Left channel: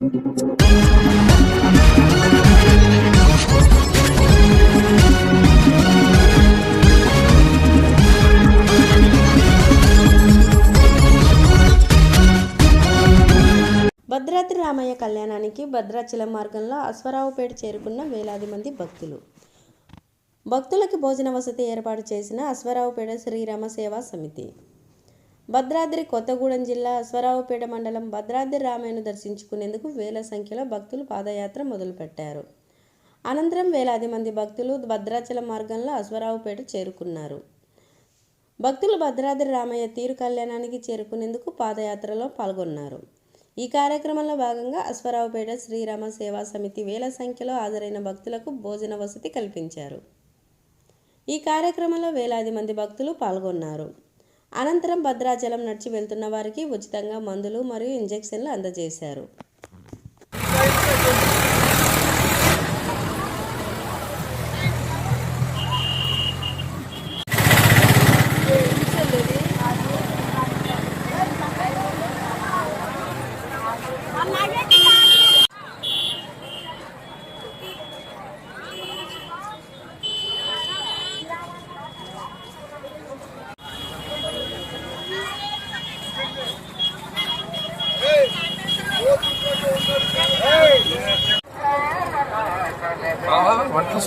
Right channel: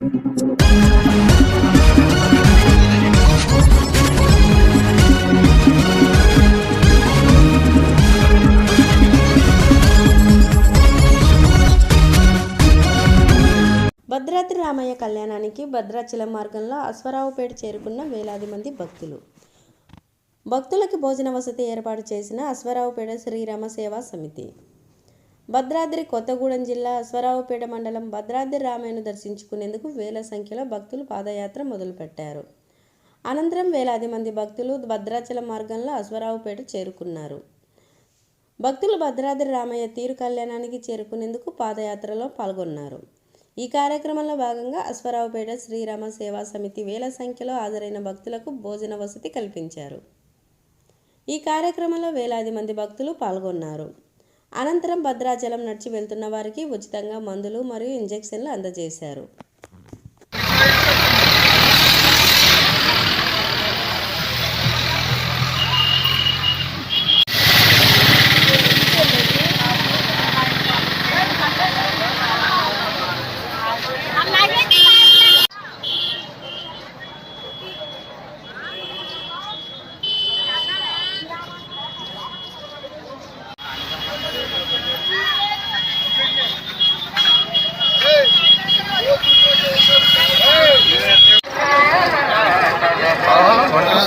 భద్రాద్రి రామయ్య కళ్యాణానికి భద్రాచలం మార్గంలో అశ్వరావుపేట చేరుకున్న వేలాది మంది భక్తులు. భక్తులకు భోజన వసతి ఏర్పాటు చేసిన అశ్వరావుపేట శ్రీరామ సేవా సమితి. భద్రాద్రి కొత్తగూడెం జిల్లా అశ్వరావుపేట మండలం భద్రాద్రి రామయ్యను దర్శించుకునేందుకు వేల సంఖ్యలో భక్తులు పాదయాత్ర మొదలుపెట్టారు. అనంతరం వేలాది మంది భక్తులు భద్రాచలం మార్గంలో అశ్వరావుపేట చేరుకున్నారు. భక్తులు భద్రాద్రి రామయ్య తీరు కళ్యాణానికి చేరుకునేందుకు పాదయాత్రలో పాల్గొన్నారు. ఈ కార్యక్రమంలో భాగంగా అశ్వరావుపేట శ్రీరామ సేవా సమితి వేల సంఖ్యలో హాజరైన భక్తులకు భోజన వసతి కల్పించారు. ఈ కార్యక్రమంలో వేలాది మంది భక్తులు పాల్గొన్నారు. అనంతరం భద్రాచలం నడిచి వెళ్తున్న వారికి ఉచితంగా మందులు మరియు ఇంజెక్షన్లు అందజేశారు.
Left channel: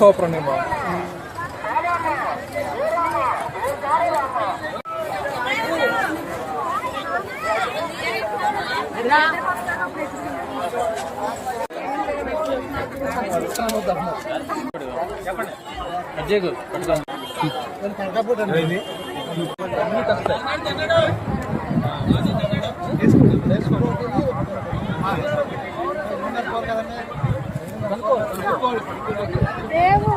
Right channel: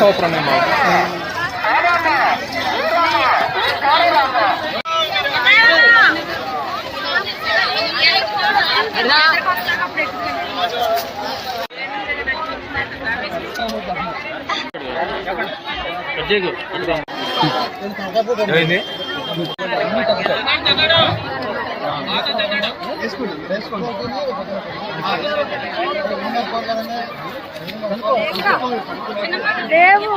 బసవ ప్రణయమా చెప్పండి దేవు